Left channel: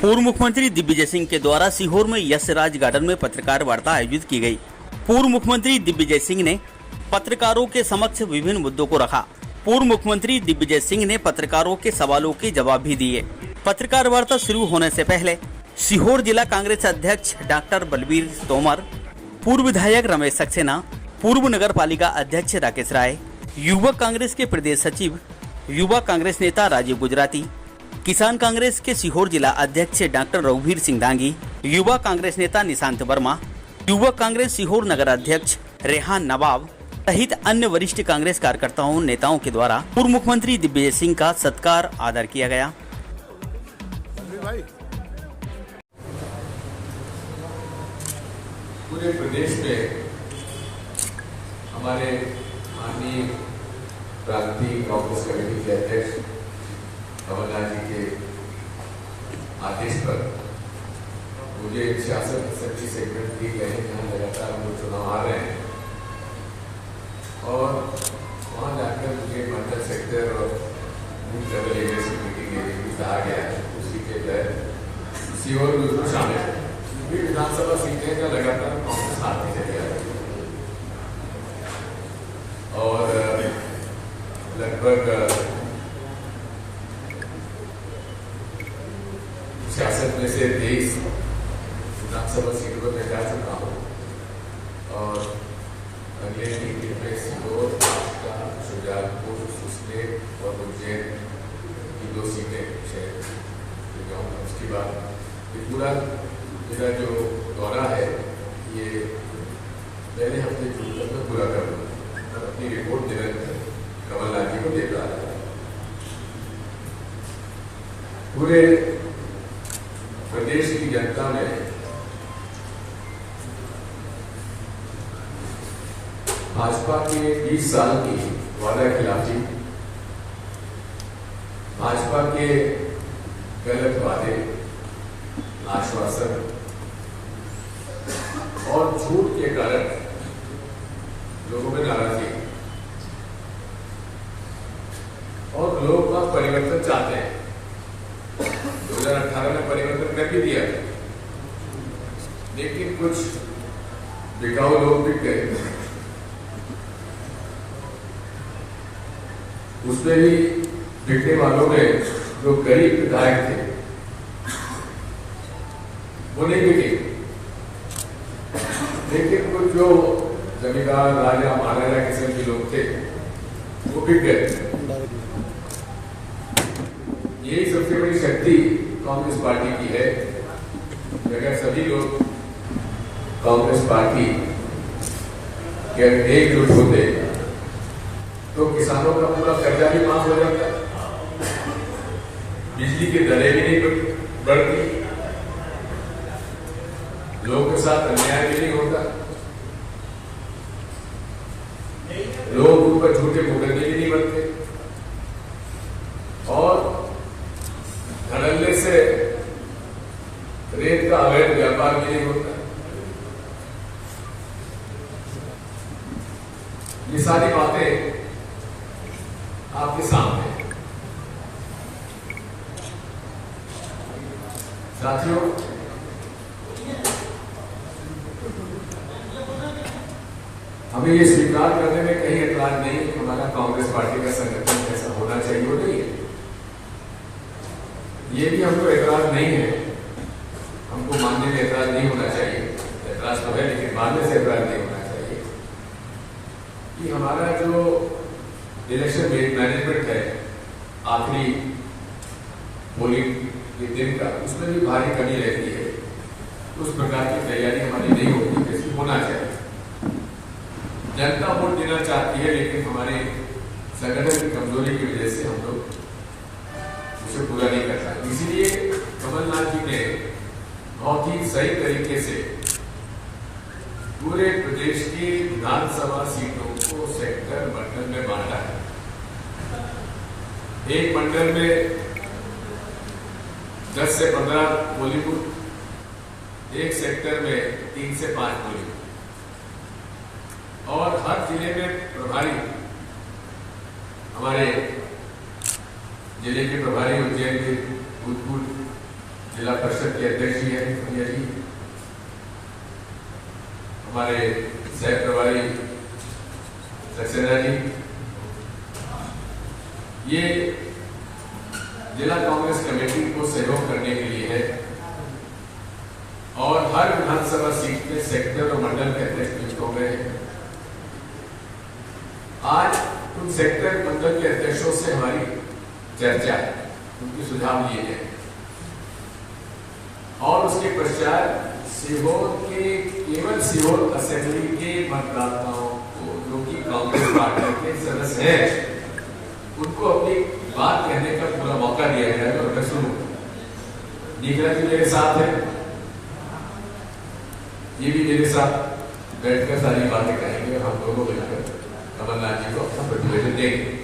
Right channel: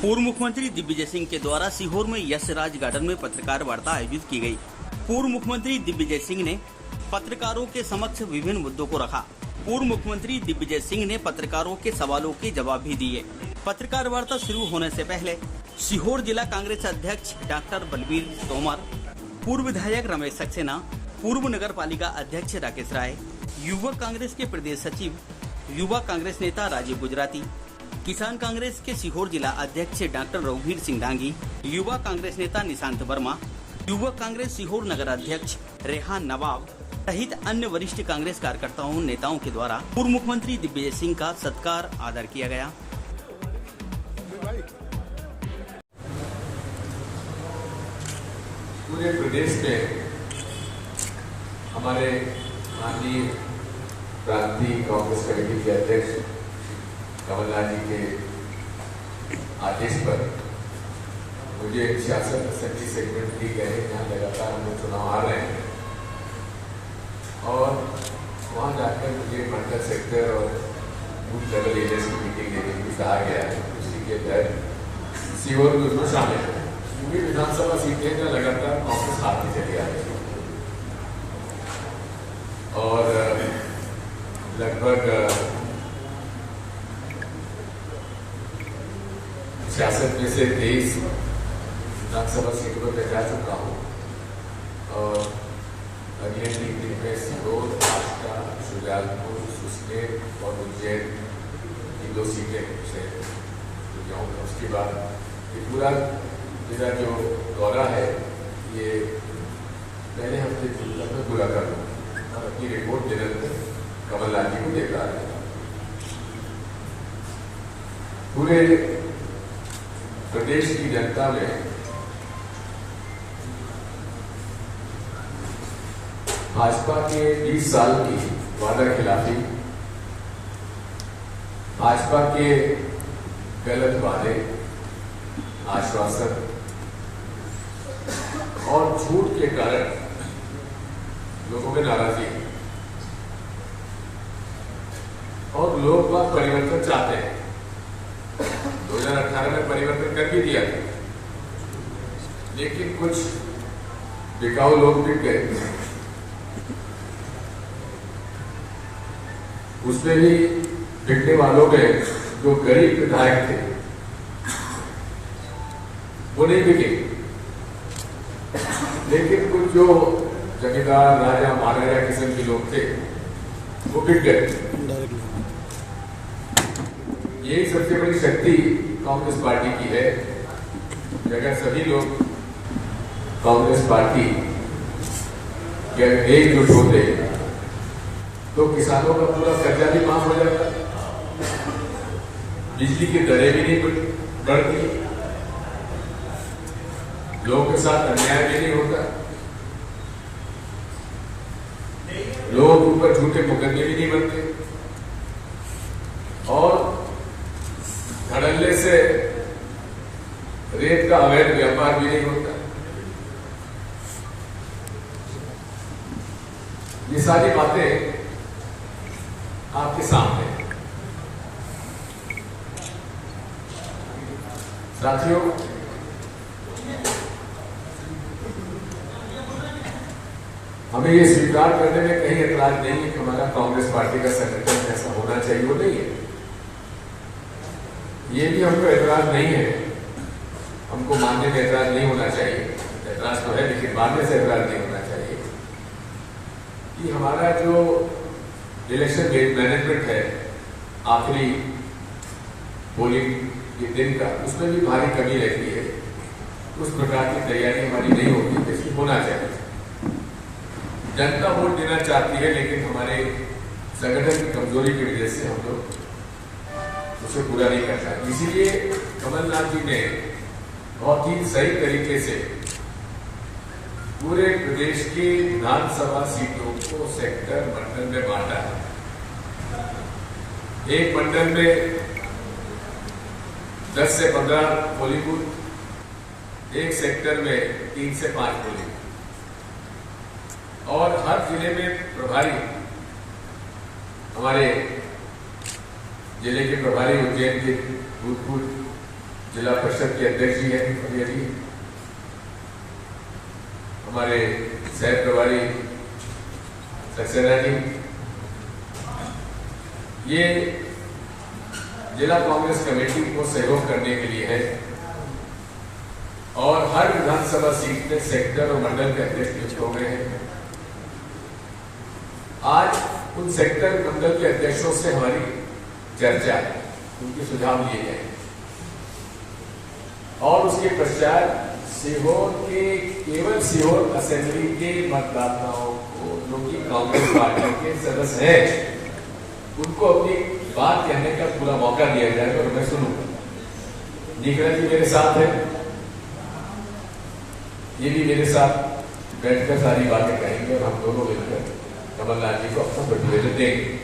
पूर्व मुख्यमंत्री दिग्विजय सिंह के द्वारा सीहोर में यशराज गार्डन में पत्रकार वार्ता आयोजित की गई। पूर्व मुख्यमंत्री दिग्विजय सिंह ने पत्रकारों के समक्ष विभिन्न मुद्दों को रखा। पूर्व मुख्यमंत्री दिग्विजय सिंह ने पत्रकारों के सवालों के जवाब भी दिए। पत्रकार वार्ता शुरू होने से पहले सीहोर जिला कांग्रेस अध्यक्ष डॉक्टर बलबीर तोमर, पूर्व विधायक रमेश सक्सेना, पूर्व नगर पालिका अध्यक्ष राकेश राय, युवक कांग्रेस के प्रदेश सचिव, युवा कांग्रेस नेता राजीव गुजराती, किसान कांग्रेस के सीहोर जिला अध्यक्ष डॉक्टर रघुवीर सिंह डांगी, युवा कांग्रेस नेता निशांत वर्मा, युवक कांग्रेस सीहोर नगर अध्यक्ष रेहान नवाब सहित अन्य वरिष्ठ कांग्रेस कार्यकर्ताओं नेताओं के द्वारा पूर्व मुख्यमंत्री दिग्विजय सिंह का सत्कार आदर किया गया। पूरे प्रदेश में हमारे माननीय प्रांतीय कांग्रेस कमेटी के अध्यक्ष कमलनाथ जी के आदेश पर मुझे शासन समिति सेगमेंट दी गए हैं। यहाँ लगातार हम लोग चुनाव आ रहे हैं और वहाँ जाकर मुझे मंडल सेक्टर और बूथ लेवल एरिया की मीटिंग लेने के लिए कहा गया है। उसी के तहत सीहोर में उसमें शामिल है। पूरी विधानसभा सीटें का लगातार कांग्रेस हारती चली आ रही है और लगभग 66 में से 23 विधानसभा सीटों पर मैं जा चुका हूँ और अगले 3 दिन में सीहोर, आष्टा, शुजालपुर, सुसनेर और उज्जैन की 2 सीटें से जाऊँगा। उसके बाद ये पूरा मेरा जो दौरा है ये पहले हफ्ते जून में पूरा कर लूँगा और अपनी रिपोर्ट निरंतर कमलनाथ जी को देता है। पूरे प्रदेश की जनता में भाजपा के 20 साल की वादा खिलाफी, भाजपा के गलत वादे, आश्वासन और झूठ के कारण लोगों में नाराजगी है और लोग का परिवर्तन चाहते हैं। 2018 में परिवर्तन कर भी दिया था, लेकिन कुछ बिकाऊ लोग बिक गए। उसमें भी बिकने वालों में जो गरीब विधायक थे वो नहीं बिके, लेकिन कुछ जो जमींदार, राजा, महाराजा किस्म के लोग थे वो बिक गए। यही सबसे बड़ी शक्ति कांग्रेस पार्टी की है। अगर सभी लोग कांग्रेस पार्टी के अगर एकजुट होते तो किसानों का पूरा कर्जा भी माफ हो जाता, बिजली की दरें भी नहीं बढ़ती, लोगों के साथ अन्याय भी नहीं होता, लोगों के ऊपर झूठे मुकदमे भी नहीं बनते और धड़ल्ले से रेत का अवैध व्यापार भी नहीं होता। ये सारी बातें आपके सामने हैं। साथियों, हमें ये स्वीकार करने में कहीं एतराज नहीं है कि हमारा कांग्रेस पार्टी का संगठन कैसा होना चाहिए, वो नहीं है। ये भी हमको एतराज नहीं है, हमको मानने में एतराज नहीं होना चाहिए। एतराज तो है लेकिन मानने से एतराज नहीं होना चाहिए कि हमारा जो इलेक्शन मैनेजमेंट है आखिरी पोलिंग के दिन का, उसमें भी भारी कमी रहती है। उस प्रकार की तैयारी हमारी नहीं होती जैसे होना चाहिए। जनता वोट देना चाहती है लेकिन हमारे संगठन की कमजोरी की वजह से हम लोग उसे पूरा नहीं करता। इसीलिए कमलनाथ जी ने बहुत ही सही तरीके से पूरे प्रदेश की विधानसभा सीटों को सेक्टर मंडल में बांटा है। एक मंडल में 10 से 15 पोलिंग बूथ, एक सेक्टर में 3 से 5 पोलिंग और हर जिले में प्रभारी हमारे जिले के प्रभारी उज्जैन के भूतपूर्व जिला परिषद के अध्यक्ष जी हैं मुखिया जी, हमारे शहर प्रभारी सक्सेना जी, ये जिला कांग्रेस कमेटी को सहयोग करने के लिए है और हर विधानसभा सीट में सेक्टर और मंडल के अध्यक्ष नियुक्त हो गए हैं। आज उन सेक्टर मंडल के अध्यक्षों से हमारी चर्चा है, उनके सुझाव लिए गए और उसके पश्चात सीहोर के केवल सीहोर असेंबली के मतदाताओं को जो कि कांग्रेस पार्टी के सदस्य हैं, उनको अपनी बात कहने का पूरा मौका दिया जाएगा और मैं सुनूंगा। निखिला जी मेरे साथ है, ये भी मेरे साथ बैठकर सारी बातें करेंगे और हम दोनों मिलकर कमलनाथ जी को अपना प्रतिवेदन देंगे।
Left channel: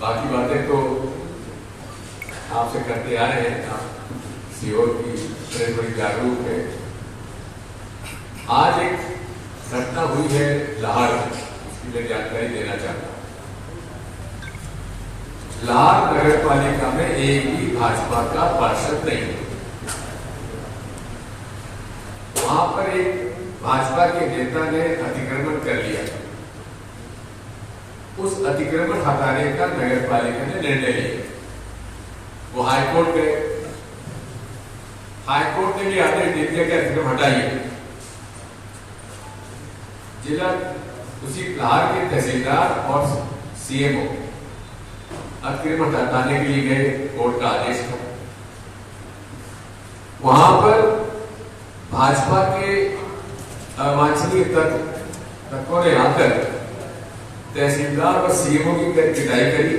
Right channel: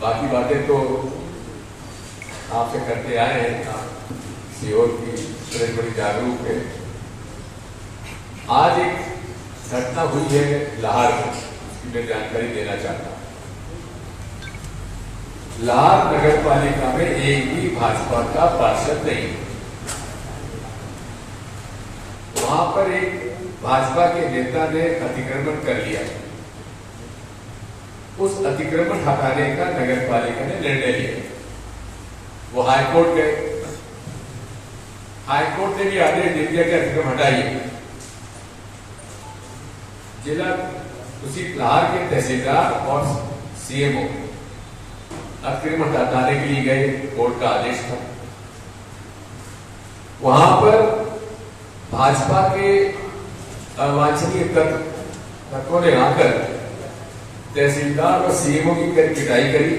बाकी बातें तो आपसे करते आ रहे हैं, आप सीहोर की तरह बड़ी जागरूक है। आज एक घटना हुई है लाहौर में, उसकी मैं जानकारी देना चाहता हूं। लाहौर नगर पालिका में एक भी भाजपा का पार्षद नहीं, वहां पर एक भाजपा के नेता ने अतिक्रमण कर लिया। उस अतिक्रमण हटाने का नगर पालिका ने निर्णय लिया। वो हाईकोर्ट गए, हाईकोर्ट ने भी आदेश दे दिया कि अतिक्रमण हटाइए। जिला उसी लाहौर के तहसीलदार और सीएमओ अतिक्रमण हटाने के लिए गए, कोर्ट का आदेश था। वहां पर भाजपा के अवांछनीय तत्वों ने आकर तहसीलदार और सीएमओ की पिटाई करी,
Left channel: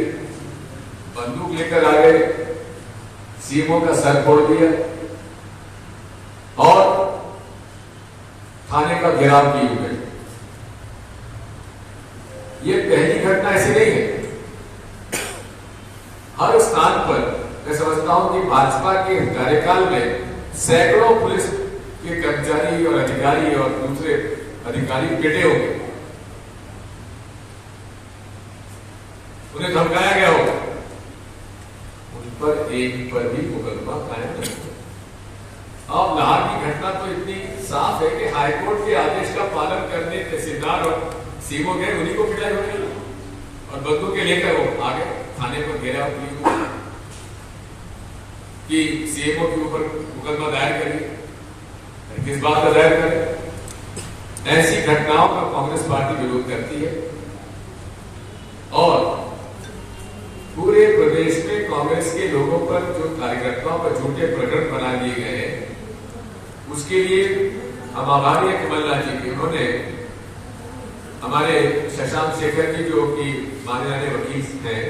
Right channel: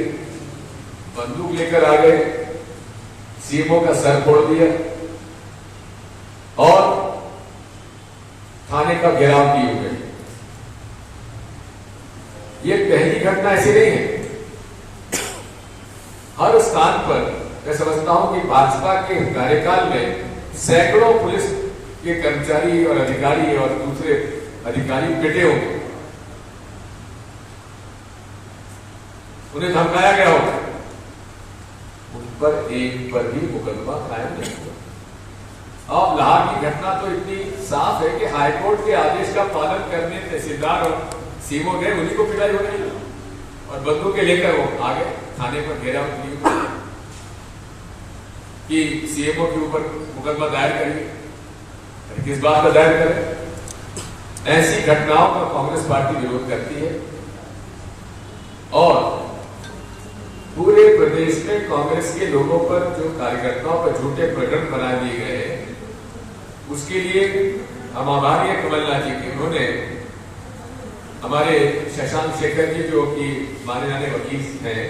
बंदूक लेकर आ गए, सीएमओ का सर फोड़ दिया और थाने का घेराव किए हुए। ये पहली घटना ऐसी नहीं है, हर स्थान पर मैं समझता हूं कि भाजपा के कार्यकाल में सैकड़ों पुलिस के कर्मचारी और अधिकारी और दूसरे अधिकारी पिटे होंगे, उन्हें धमकाया गया होगा, उन पर एक पर भी मुकदमा कायम नहीं हुआ। अब लाहौर की घटना तो इतनी साफ है कि हाईकोर्ट के आदेश का पालन करने तहसीलदार और सीएमओ गए, उन्हीं को पिटाई हो गई और बंदूकें लेकर वो आ गए, थाने पर घेराव किए हुए कि सीएमओ के ऊपर मुकदमा दायर करिए। किस बात का दायर करें? ऐसी घटनाओं का कांग्रेस पार्टी विरोध करती है और पूरे प्रदेश में कांग्रेस के लोगों पर जो कार्यकर्ताओं पर झूठे प्रकरण बना दिए गए हैं, उसके लिए हम आभारी हैं कमलनाथ जी के। उन्होंने हमारे शशांक शेखर जी जो कि माने जाने वकील हैं,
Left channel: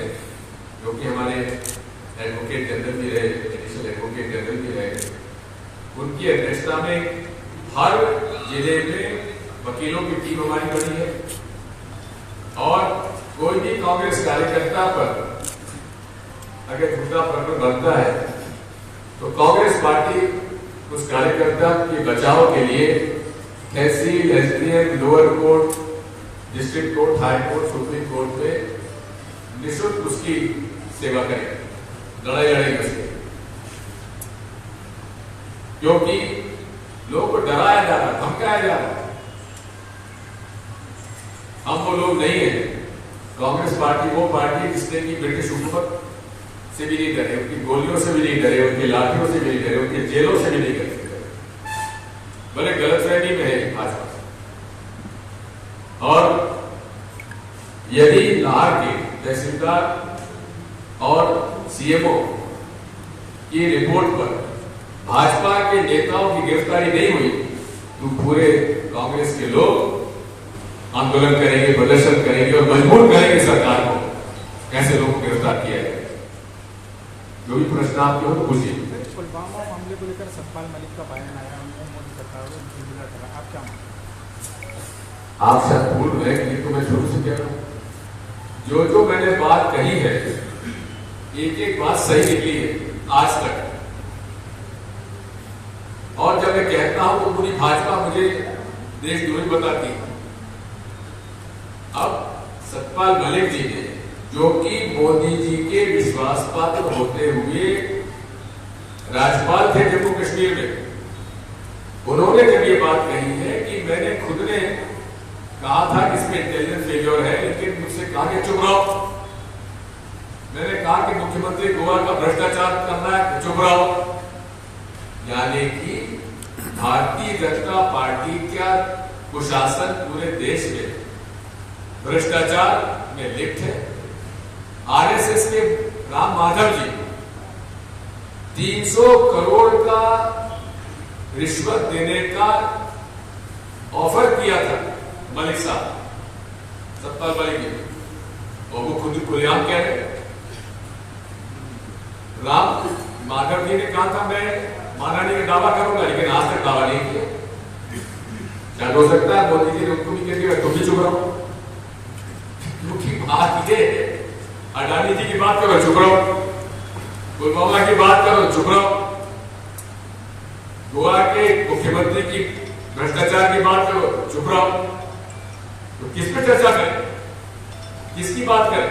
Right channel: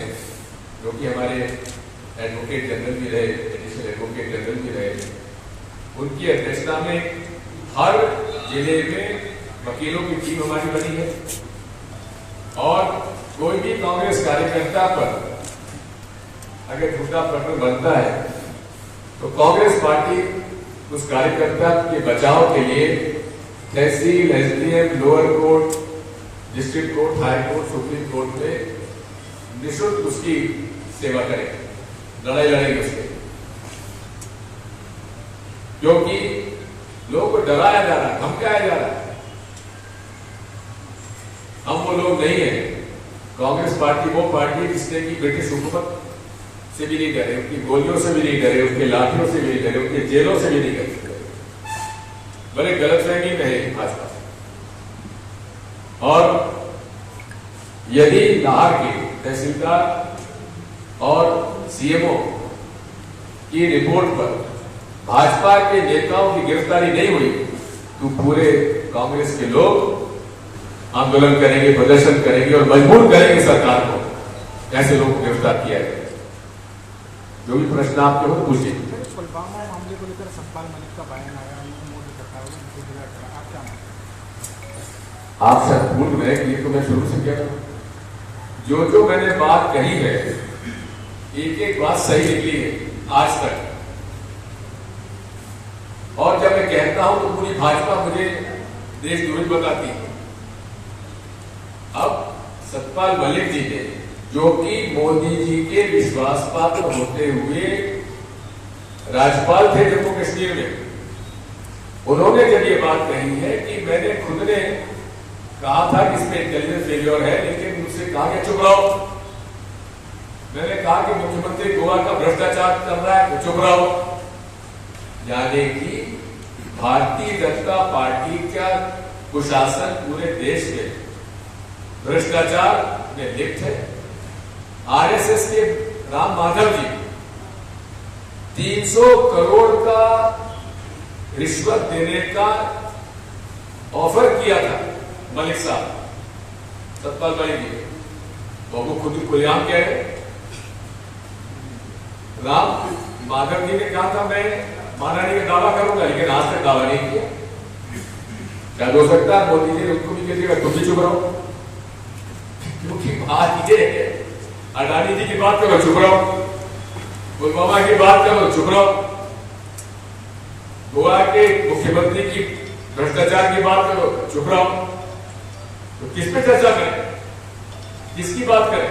जो कि हमारे एडवोकेट जनरल भी रहे, एडिशनल एडवोकेट जनरल भी रहे, उनकी अध्यक्षता में हर जिले में वकीलों की टीम हमारी बनी है और कोई भी कांग्रेस कार्यकर्ता पर अगर झूठा प्रकरण बनता है तो कांग्रेस पार्टी उस कार्यकर्ता के बचाव के लिए tehsil, SDM, lower court, district court, high court, supreme court में निःशुल्क उसकी सेवा करेगी, लड़ाई लड़ेगी उसके, क्योंकि लोगों को डराया जा रहा, धमकाया जा रहा। हम वो लोग नहीं है। कांग्रेस पार्टी वो पार्टी है जिसने की ब्रिटिश हुकूमत से भी नहीं डरे, उनकी गोलियों से भी नहीं डरे, उनकी लाठियों से भी नहीं डरे, उनके जेलों से भी नहीं डरे। बड़े गलतफहमी में है भाजपा। और यदि लाहौर के तहसीलदार और सीएमओ की रिपोर्ट पर भाजपा के नेताओं की गिरफ्तारी नहीं हुई तो पूरे कांग्रेस के लोग आंदोलन करेंगे, प्रदर्शन करेंगे और मजबूर करेंगे सरकार को कैसे लोगों को गिरफ्तार किया जाए। जो भी प्रश्न आपके हो पूछिए। पुलवामा मामले को लेकर सतपाल मलिक का बयान आया, आप सब भूल गए कि ये तो मैं शुरू से कह रहा हूं। जो मैंने बात कही है, एक एक बात सही निकली है आज तक। और जब मैं कहता हूं तो पूरी भाजपा मुझे देशद्रोही बताती है। अब सतपाल मलिक जी ने जो कि मोदी जी के विश्वास पात्र होते हुए राज्यपाल थे जम्मू कश्मीर में, उन्होंने जब ये बात कही है कि मैंने खुद ने कहा था कि इसमें इंटेलिजेंस फेल्योर है, लेकिन मुझसे कहा कि चुप रहो। मैंने कहा कि मुख्यमंत्री गोवा का भ्रष्टाचार कर रहा है, चुप रहो। यानी कि भारतीय जनता पार्टी का कुशासन पूरे देश में भ्रष्टाचार में लिप्त है। आरएसएस के राम माधव जी 300 करोड़ का रिश्वत देने का ऑफर किया था मलिक साहब, सतपाल भाई जी, और वो खुद खुलेआम कह रहे। राम माधव जी ने कहा था मैं महारानी का दावा करूंगा, लेकिन आज तक दावा नहीं किया। क्या हो सकता है मोदी जी ने उनको भी कह दिया तुम भी चुप रहो, क्योंकि बात ये है, अडानी जी की बात करो चुप रहो, पुलवामा की बात करो चुप रहो, गोवा के मुख्यमंत्री की भ्रष्टाचार की बात करो चुप रहो। तो किस पे चर्चा करें, किसकी बात करें?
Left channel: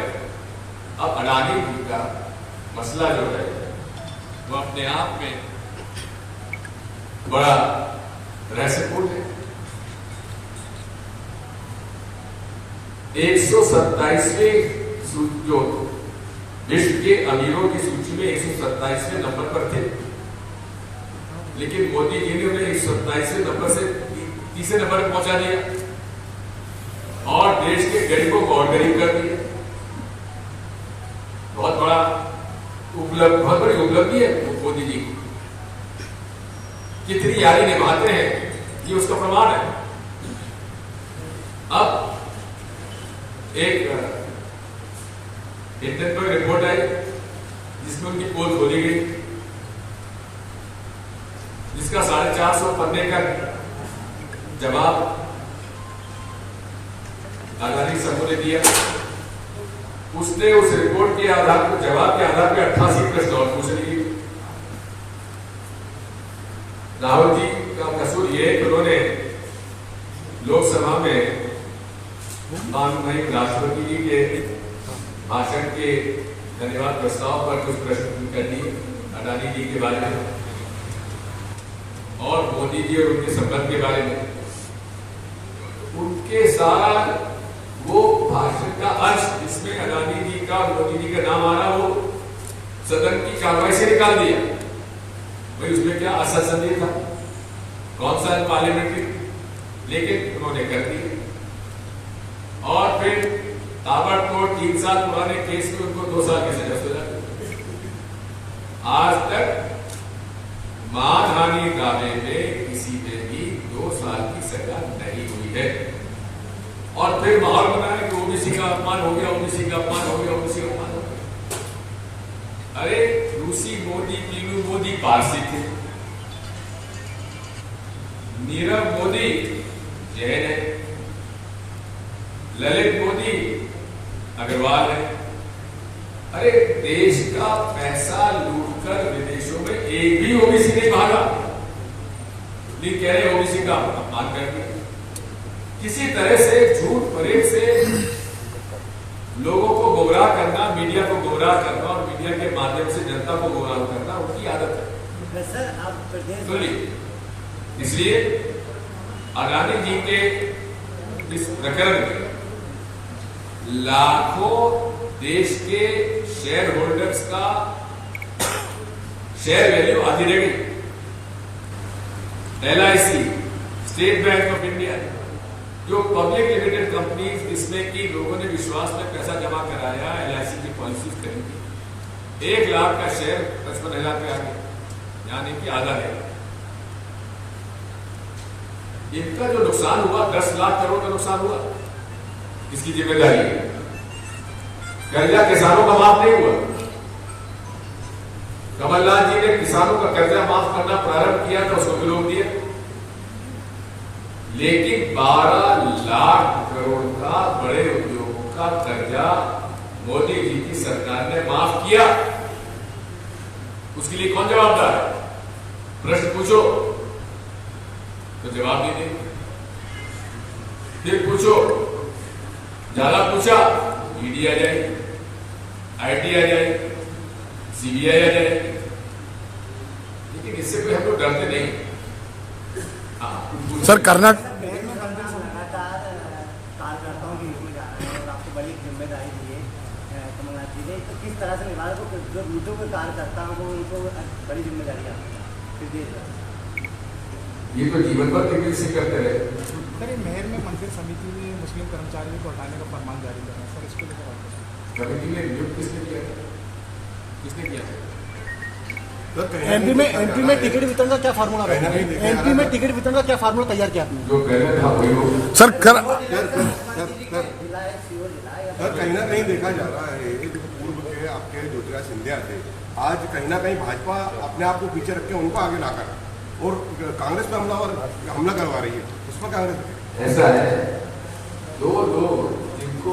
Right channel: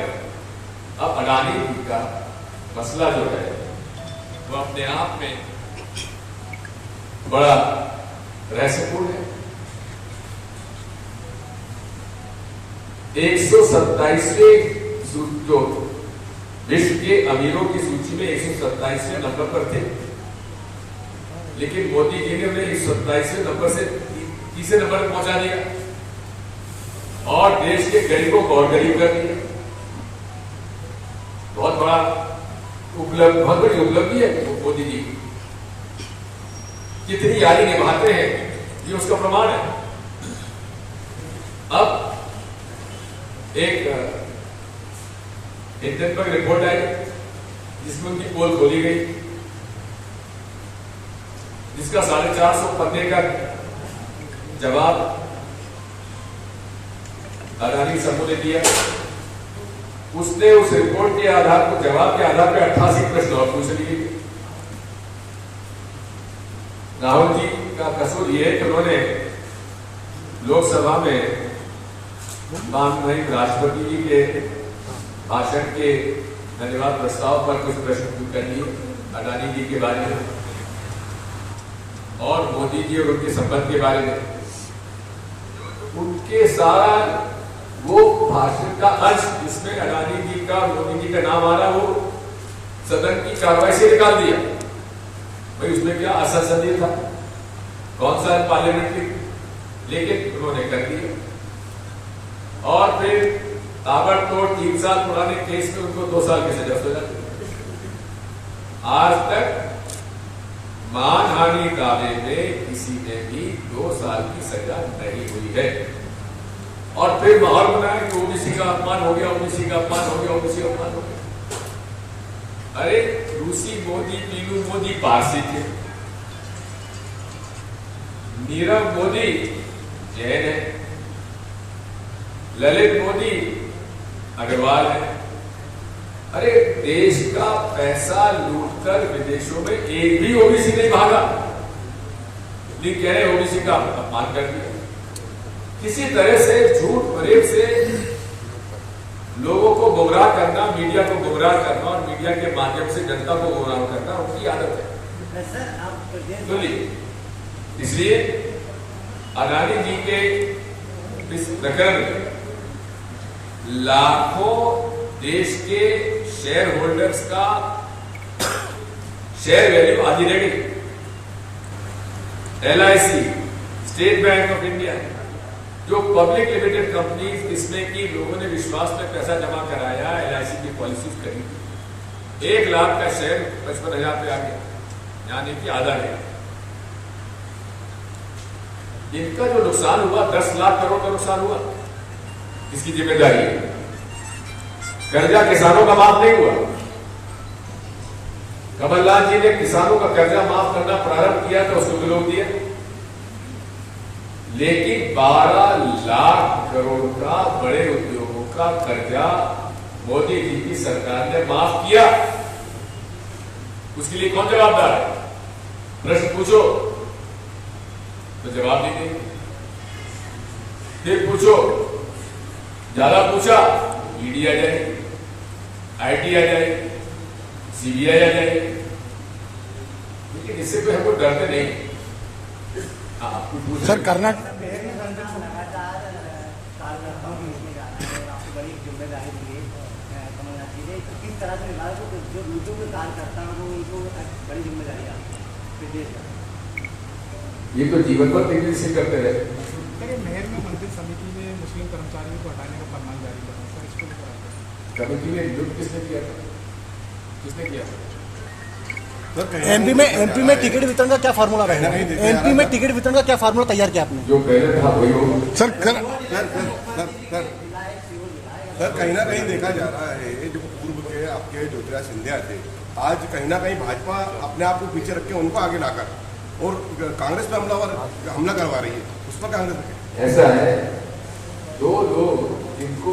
अब अडानी जी का मसला जो है वो अपने आप में बड़ा रहस्यपूर्ण है। 127वें जो विश्व के अमीरों की सूची में 127वें नंबर पर थे, लेकिन मोदी जी ने उन्हें 127वें नंबर से 30वें नंबर पर पहुंचा दिया और देश के गरीबों को और गरीब कर दिया। बहुत बड़ी उपलब्धि है मोदी जी की। कितनी यारी निभाते हैं ये उसका प्रमाण है। अब एक हिंडनबर्ग रिपोर्ट आई जिसमें उनकी पोल खोली गई, जिसका 450 पन्ने का जवाब अडानी समूह ने दिया। उसने उस रिपोर्ट के आधार पर, जवाब के आधार पर 88 प्रश्न और पूछ लिए। राहुल जी का कसूर ये है कि उन्होंने लोकसभा में माननीय राष्ट्रपति जी के भाषण के धन्यवाद प्रस्ताव पर कुछ प्रश्न कर लिए अडानी जी के बारे में और मोदी जी और उनके संबंध के बारे में। उनके सारा वो भाषण का अंश जिसमें अडानी जी का मोदी जी का नाम आ रहा, वो सदन की कार्रवाई से निकाल दिया। भाई उसमें क्या असंसदीय था, कौन सा पार्लियामेंट्री, लेकिन उन्होंने कर दिया। और फिर ताबड़तोड़ 3 साल पुराने केस में उनको 2 साल की सजा दी। आज तक मानहानि दावे में किसी ने भी 2 साल की सजा नहीं हुई है। और फिर माहौल बनाया कि ओबीसी का अपमान हो गया, ओबीसी का अपमान हो गया, ओबीसी का अपमान हो गया। अरे रूसी मोदी, पीलू मोदी पारसी थे, नीरव मोदी जैन है, ललित मोदी अग्रवाल है। अरे देश का पैसा लूटकर विदेशों में एक भी ओबीसी नहीं भागा, लेकिन कह रहे ओबीसी का अपमान कर दिया। किसी तरह से झूठ फरेब से लोगों को गुमराह करना, मीडिया को गुमराह करना और मीडिया के माध्यम से जनता को गुमराह करना उनकी आदत है। तो इसलिए अडानी जी के इस प्रकरण में लाखों देश के शेयर होल्डर्स का शेयर वैल्यू आधी रह गई। LIC, state bank of India, जो पब्लिक लिमिटेड कंपनीज जिसमें कि लोगों ने विश्वास में पैसा जमा कराया, LIC की पॉलिसीज खरीदी, 1 लाख का शेयर 55,000 पे आ गया, यानी कि आधा है। इनका जो नुकसान हुआ 10 लाख करोड़ का नुकसान हुआ, इसकी जिम्मेदारी है। कर्जा किसानों का माफ नहीं हुआ। कमलनाथ जी ने किसानों का कर्जा माफ करना प्रारंभ किया तो उसको विरोध दिया, लेकिन 12 लाख करोड़ का बड़े उद्योगों का कर्जा मोदी जी की सरकार ने माफ किया। उसके लिए कौन जवाबदार है? प्रश्न पूछो तो जवाब नहीं देंगे, फिर पूछो, ज्यादा पूछा ईडी आ जाएगी, आईटी आ जाएगी, सीबीआई आ जाएगी, लेकिन इससे कोई हम लोग डरते नहीं। सर कर्नाटक मेयर ने मंदिर से लगातार कार्यकर्ताओं की इसमें जा रहे हैं और आपकी बड़ी जिम्मेदारी दी है कमलनाथ जी ने, तो किस तरह से निभा रहे हो? जो नीचों के कार्यकर्ता हैं वो उनको बड़ी जिम्मेदारी है प्रदेश में। ये तो जीवन भर देखिए इसे करते रहे। सर, मेयर ने मंदिर समिति में मुस्लिम कर्मचारियों को हटाने का फरमान जारी करना, सर इसको लेकर कमेटी में नियुक्त किसने किया था? किसने किया था? एमपी में टिकट वितरण का क्या फार्मूला रहेगा? एमपी में टिकट वितरण का क्या फार्मूला तैयार किया आपने? जो पहले था वही होगा। सर कहीं ना कहीं देखा जा रहा है जो पूर्व के आपके ज्योतिराज सिंधिया थे, आज कहीं ना कहीं भाजपा अपने आप को पीछे रख के उनको आगे लाकर और कांग्रेस पे हमला करवा रही है, उसमें कांग्रेस ऐसा है, दो लोग जिनको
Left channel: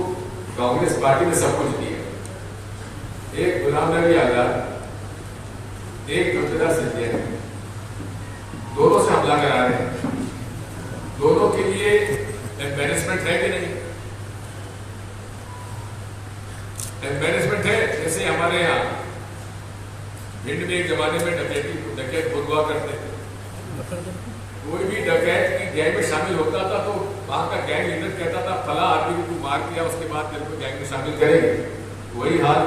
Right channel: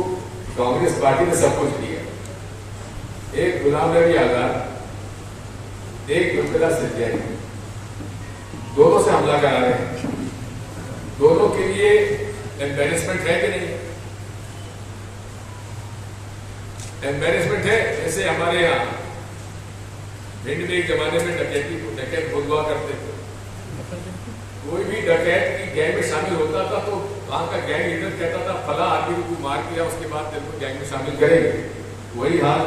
कांग्रेस पार्टी ने सब कुछ दिया, एक गुलाम नबी आजाद, एक ज्योतिराज सिंधिया, दोनों से हमला करा रहे हैं। दोनों के लिए एम्बेरसमेंट है कि नहीं? एम्बेरसमेंट है। जैसे हमारे यहाँ भिंड में एक जमाने में डकैत बहुत हुआ करते थे। कोई भी डकैत की गैंग में शामिल होता था तो वहां का गैंग लीडर कहता था फला आदमी को तू मार दिया, उसके बाद तेरे को गैंग में शामिल करेंगे। वही हाल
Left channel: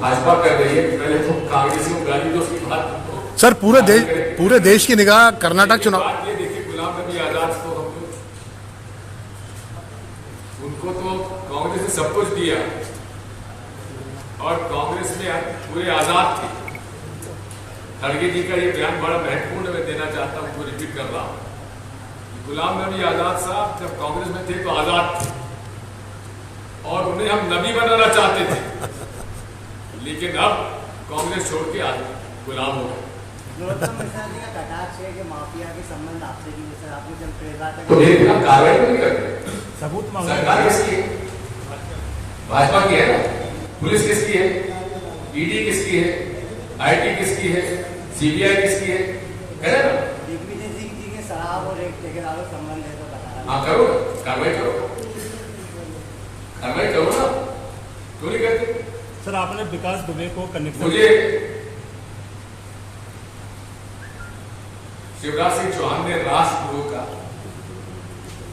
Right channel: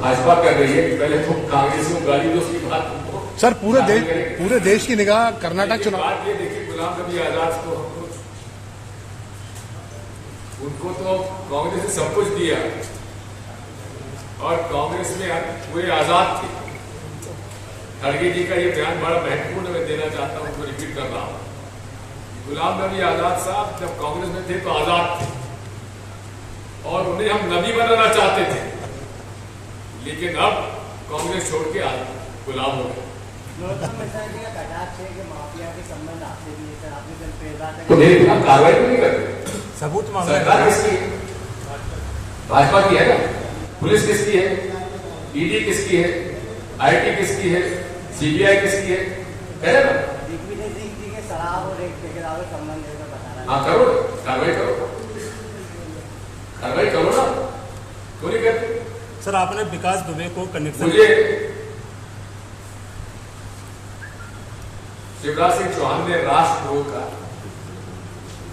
भाजपा कर रही है। पहले तो कांग्रेसियों को गाली दो, उसकी बात तुमको सर पूरे देश की निगाह कर्नाटक चुनाव। बात ये देखिए, गुलाम नबी आजाद को हमको उनको तो कांग्रेस ने सब कुछ दिया और कांग्रेस में पूरे आजाद थे। खड़गे जी का ये बयान बड़ा महत्वपूर्ण मैं देना चाहता हूं, उनको रिपीट कर रहा हूं। गुलाम नबी आजाद साहब जब कांग्रेस में थे तो आजाद थे और उन्हें हम नबी बनाना चाहते थे, लेकिन अब कांग्रेस छोड़ के आज गुलाम हो गए। नरोत्तम मिश्रा जी का कटाक्ष है कि माफिया के संबंध आपसे भी, जैसे आपने कल प्रेरणात तो मेरे खिलाफ कार्रवाई नहीं करते। सबूत सरकार किसकी है? भाजपा की है ना। पुलिस किसकी है? ईडी किसकी है? आईटी किसकी है? सीबीआई किसकी है? है ना? दिग्विजय सिंह जी के शराब और एक ठेकेदार संबंध है तो बता रहा हाँ करो ना, कार्रवाई करो, कार्रवाई करो ना, क्यों नहीं करते? सर आपने विकास दुबे को कनेक्शन मुझे शिवराज सिंह चौहान ने राष्ट्रद्रोह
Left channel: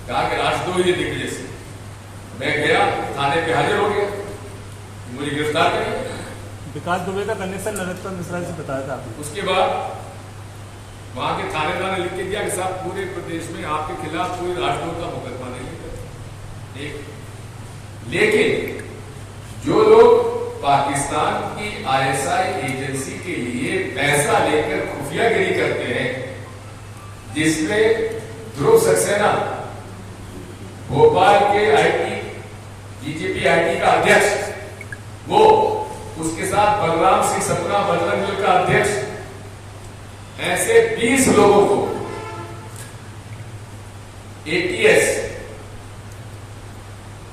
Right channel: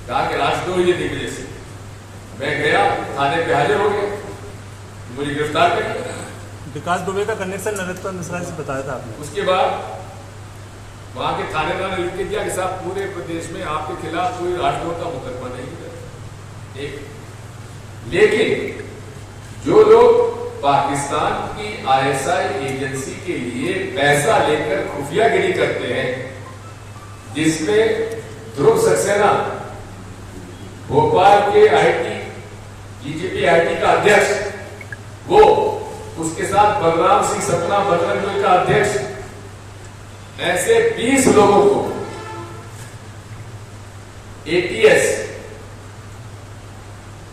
कहा कि राष्ट्रद्रोह ये दिग्विजय सिंह। मैं गया, थाने पे हाजिर हो गया, मुझे गिरफ्तार कर लिया। विकास दुबे का कनेक्शन नरोत्तम मिश्रा से बताया था आपने। उसके बाद वहां के थानेदार ने लिख के दिया कि साहब पूरे प्रदेश में आपके खिलाफ कोई राष्ट्रद्रोह का मुकदमा नहीं है। एक लेकिन जो लोग पाकिस्तान की आईएसआई एजेंसी के लिए पैसा लेकर खुफियागिरी करते हैं, जिसमें ध्रुव सक्सेना भोपाल के बीजेपी आईटी का अध्यक्ष, वो उसके साथ बलराम सिंह सतना बजरंग दल का अध्यक्ष, ऐसे 20 लोगों को एटीएस,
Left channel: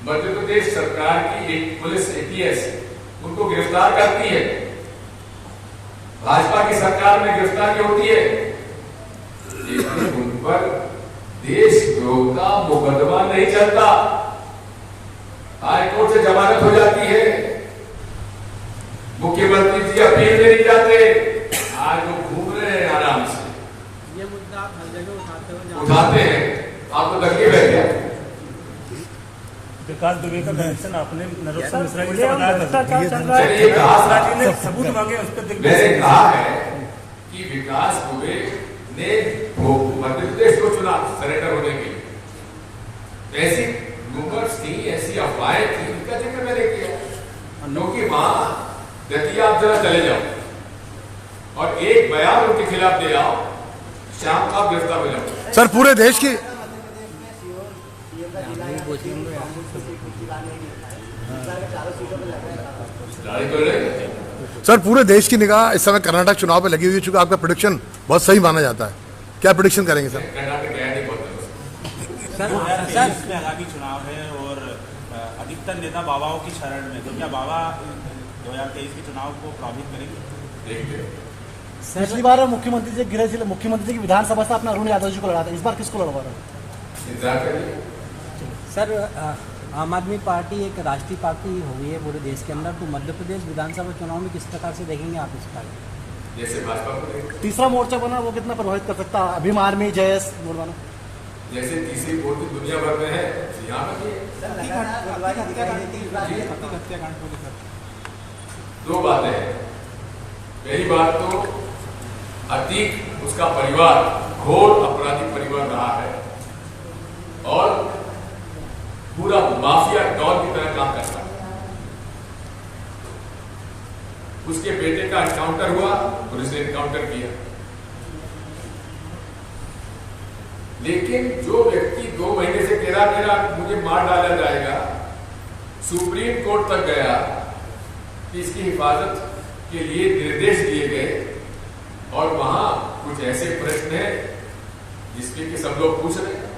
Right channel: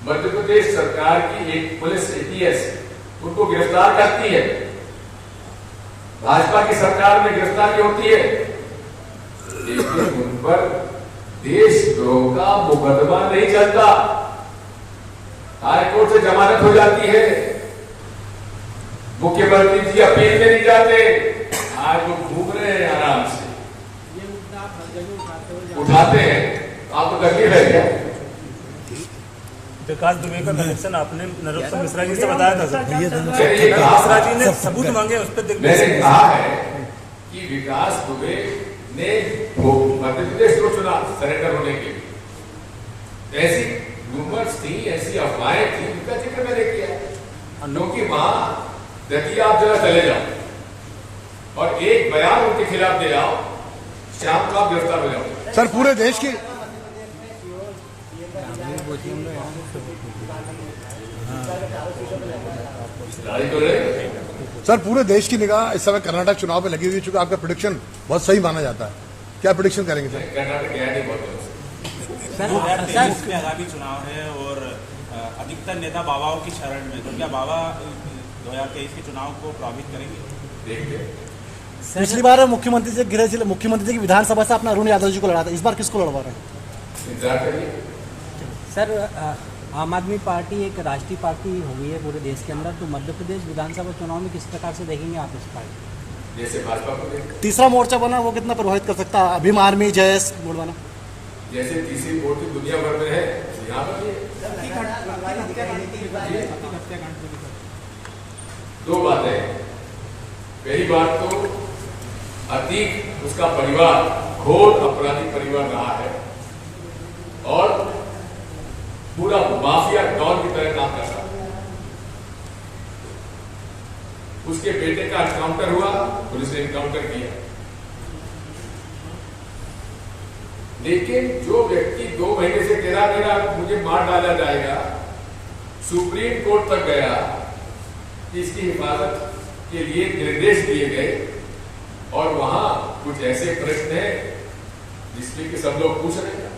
मध्य प्रदेश सरकार की एक पुलिस एटीएस उनको गिरफ्तार करती है। भाजपा की सरकार में गिरफ्तारी होती है, लेकिन उन पर देशद्रोह का मुकदमा नहीं चलता। हाईकोर्ट से जमानत हो जाती है, मुख्यमंत्री जी अपील में नहीं जाते। आज वो घूम रहे हैं आराम से, ये मुद्दा आप हर जगह उठाते हैं। आपको तकलीफ है क्या? विकास दुबे का कनेक्शन आपने नरोत्तम मिश्रा जी से बताया था। मैंने ये कहा, मिश्रा जी ने सबूत मांगे, उस पर मैंने कहा है कि विकास दुबे ने मध्य प्रदेश को चुना सरेंडर होने के लिए। ऐसी रूमर्स थी, ऐसी अफवाहें थी, उनका जिक्र मैंने किया, क्योंकि वहां दतिया आप जरा चले जाओ और एक बयान उनके खिलाफ दे आओ, शाम को आप गिरफ्तार हो जाओ। सर पूरे देश की लड़ाई तो लड़ेंगे। सर पूरे देश की निगाह इस समय कर्नाटक चुनाव पे लगी हुई है, चूंकि आपका प्रेडिक्शन बहुत सही माना जाता है। क्या प्रेडिक्शन करेंगे सर? कर्नाटक गया नहीं बहुत दिनों से। इसमें आगामी चुनाव है और अधिकतर नेता बाबाओं की शरण में, तो क्या बाबा 2023 के चुनाव को प्रभावित करेंगे? देखते हैं। पिछली बार मुख्यमंत्री जी की विधानसभा से अपना अरुण यादव जी को लड़ा था, इस बार किसको लड़वा रहा है? इंतजार करिए। सर आम आदमी पार्टी एक राष्ट्रीय पार्टी हो गई है पूरे देश के अंदर, तो मध्य प्रदेश विधानसभा चुनाव में किस प्रकार से देखेंगे आप इस पार्टी? जैसे भाजपा को देख, तीसरा मोर्चा बना वो कितना प्रभावित कर सकता है? अभिम आर्मी जयस बना, जैसे तीसरी मोर्चा दुनिया भर में है, यहाँ पर भी है। दो बातें हैं। पहली बात तो अतीक उसका परिवार घोर अपराधी परिवार रहा है और पूरा माफिया डॉन की तरह काम करता है। उसके बेटे का एनकाउंटर हुआ, पुलिस ने एनकाउंटर किया, लेकिन जो व्यक्ति 2 महीने से कह रहा मुझे मार डाला जाएगा, सुप्रीम कोर्ट तक गया कि इसकी हिफाजत के लिए निर्देश दिए गए और वहां कुछ ऐसे प्रश्न हैं जिसके कि सब लोग पूछ रहे हैं।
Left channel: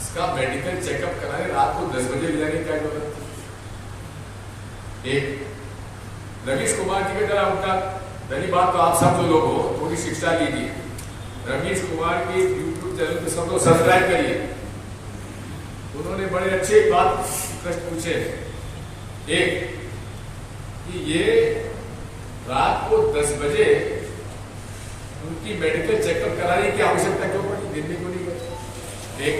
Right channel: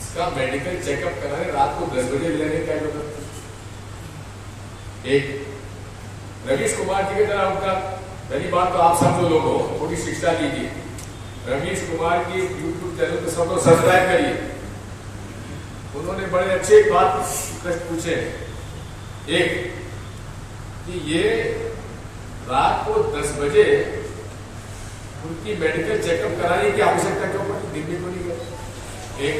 इसका मेडिकल चेकअप कराने रात को 10 बजे ले जाने का जरूरत थी। एक रमेश कुमार जी की तरह उनका, पहली बात तो आप सब जो लोग हो थोड़ी शिक्षा लीजिए। रमेश कुमार की यूट्यूब चैनल पे सब लोग सब्सक्राइब करिए। उन्होंने बड़े अच्छे बात प्रश्न पूछे। एक कि ये रात को 10 बजे उनकी मेडिकल चेकअप कराने की आवश्यकता क्यों पड़ी, दिन में क्यों नहीं गए? एक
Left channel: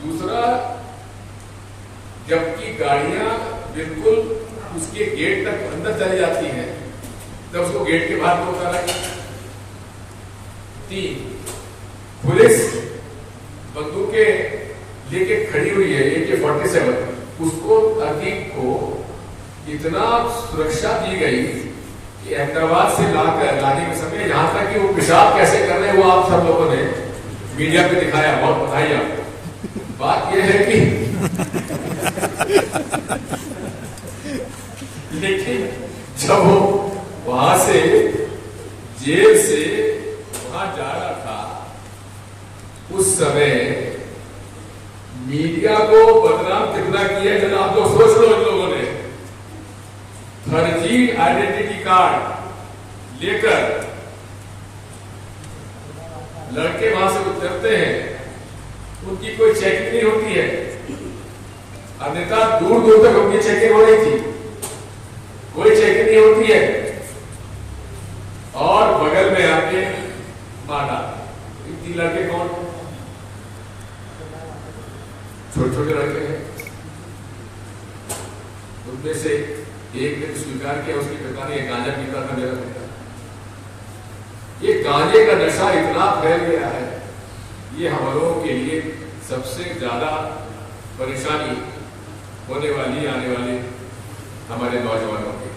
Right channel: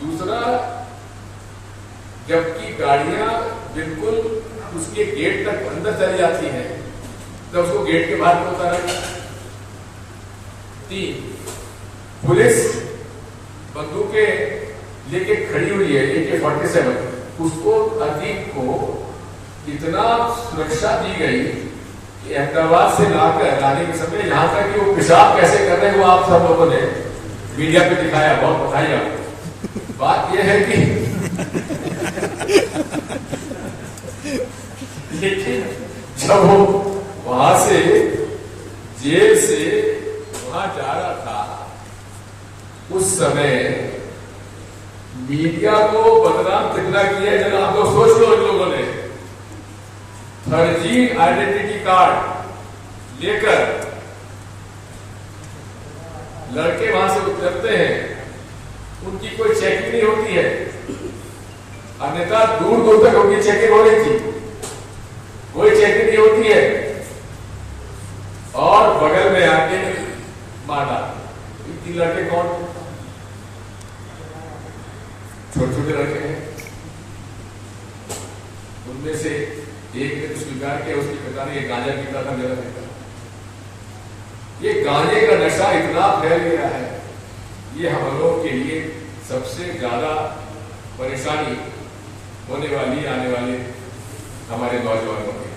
दूसरा, जबकि गाड़ियां बिल्कुल उसके गेट तक अंदर चली जाती हैं, तब उसको गेट के बाहर में उतारा। 3, पुलिस बंदूकें लेके खड़ी हुई है, AK-47, उसको अतीक को इतना सुरक्षा दी गई कि अहमदाबाद से लाकर लाने के समय यहां तक कि वो पेशाब कैसे कर रहे हैं वो आप सब लोगों ने मीडिया पे दिखाया, बहुत बताइए आपको। बात यह है कि लेकिन जब वो वहां से जेल से वहां जा रहा था, उस समय मीडिया को बदनाम कितना किया है जरा आप लोग सोच लो। इन लोगों ने फर्जी आइडेंटिटी कार्ड लेकर लड़के वहां से उतरते हैं, उनकी कोई चेकिंग नहीं होती है, अन्यथा दूर दूर तक उनकी चेकिंग हो रही थी, कोई चेकिंग नहीं होती है, और बगल में आके मारा। 3 लड़के कौन? छोटे छोटे लड़के हैं। उनमें से एक ने स्वीकार किया, उसके पिता ने गांजा पीता था मेरा बेटा। ये गांजे का नशा इतना फैल गया है, ये हम लोगों के लिए सबसे ज्यादा परेशानी होने वाली आने वाले हमारे नौजवानों की।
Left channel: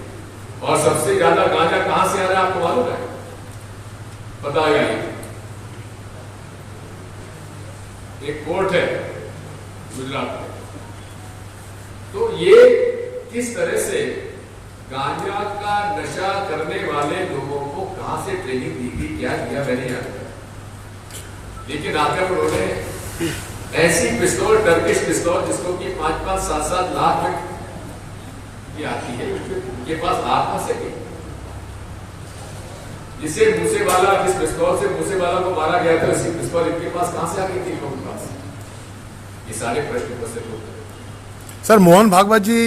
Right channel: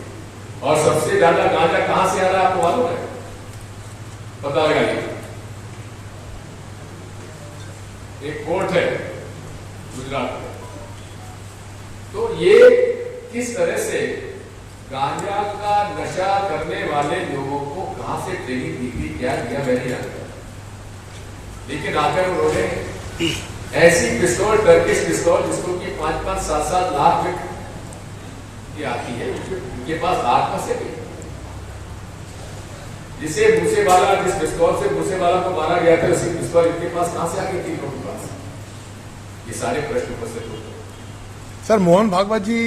और सबसे ज्यादा गांजा कहां से आ रहा है आपको मालूम है? पता लगाइए। एक कोर्ट है गुजरात में, तो ये किस तरह से गांजा का नशा करने वाले लोगों को कहां से ट्रेनिंग दी गई, क्या किया मैंने याद किया, लेकिन आकर उन्होंने ऐसी पिस्तौल, टर्किश पिस्तौल जिसको कि 5-5, 7-7 लाख में की आती है, उनके पास हाथ में से भी, जिसे मूसेवाला, जिस पिस्तौल से मूसेवाला को मारा गया था, उसी पिस्तौल इनके पास कहां से आ गई थी लोगों के पास? ये सारे प्रश्न उपस्थित होते हैं। सर, मोहन भागवत जी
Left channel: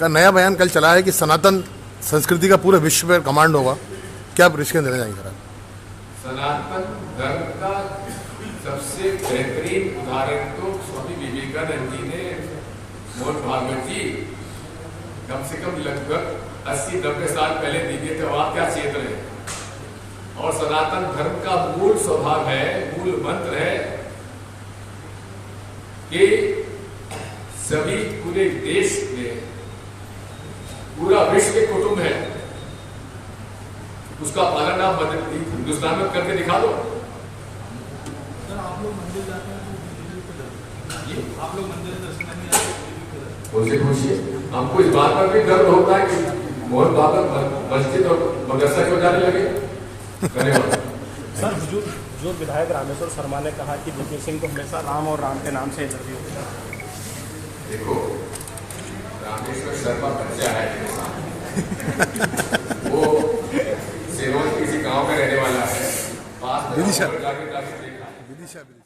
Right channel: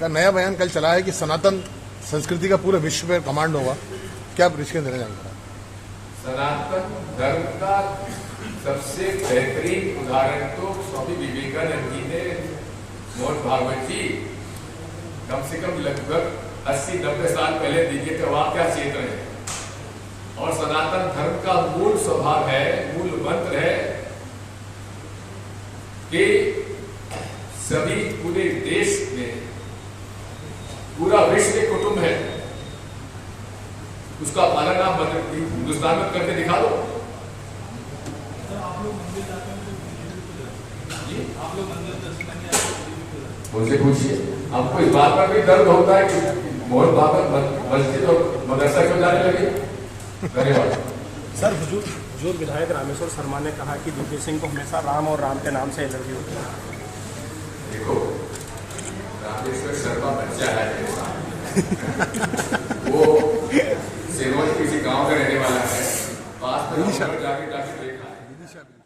का नया बयान कल चला है कि सनातन संस्कृति का पूरे विश्व पर कमांड होगा, क्या आप रिश्ते देना चाहेंगे? सनातन धर्म का सबसे बेहतरीन उदाहरण तो स्वामी विवेकानंद जी ने मोहन भागवत जी कम से कम लगभग 80-90 साल पहले दिए थे। वहां क्या चेत रहे हैं? और सनातन धर्म का मूल स्वभाव है, मूल मंत्र है कि सभी पूरे देश में, पूरा विश्व एक कुटुंब है, उसका पालन आप हिंदुस्तान में करके दिखा दो। उनसे पूछिए, हमको इस बात पर भी दर्द होता है कि मोहन भागवत मस्जिद और मदरसा क्यों जाने लगे। धन्यवाद। सर, जो विधायक रामेश्वर शर्मा ने कहा कि दिग्विजय सिंह को हमेशा राम और राम के नाम से एलर्जी होती है। देखो, रामेश्वर शर्मा बच्चा है, वो सेवन किसी गांव में रहने वाला है, पास में जाके देखा है।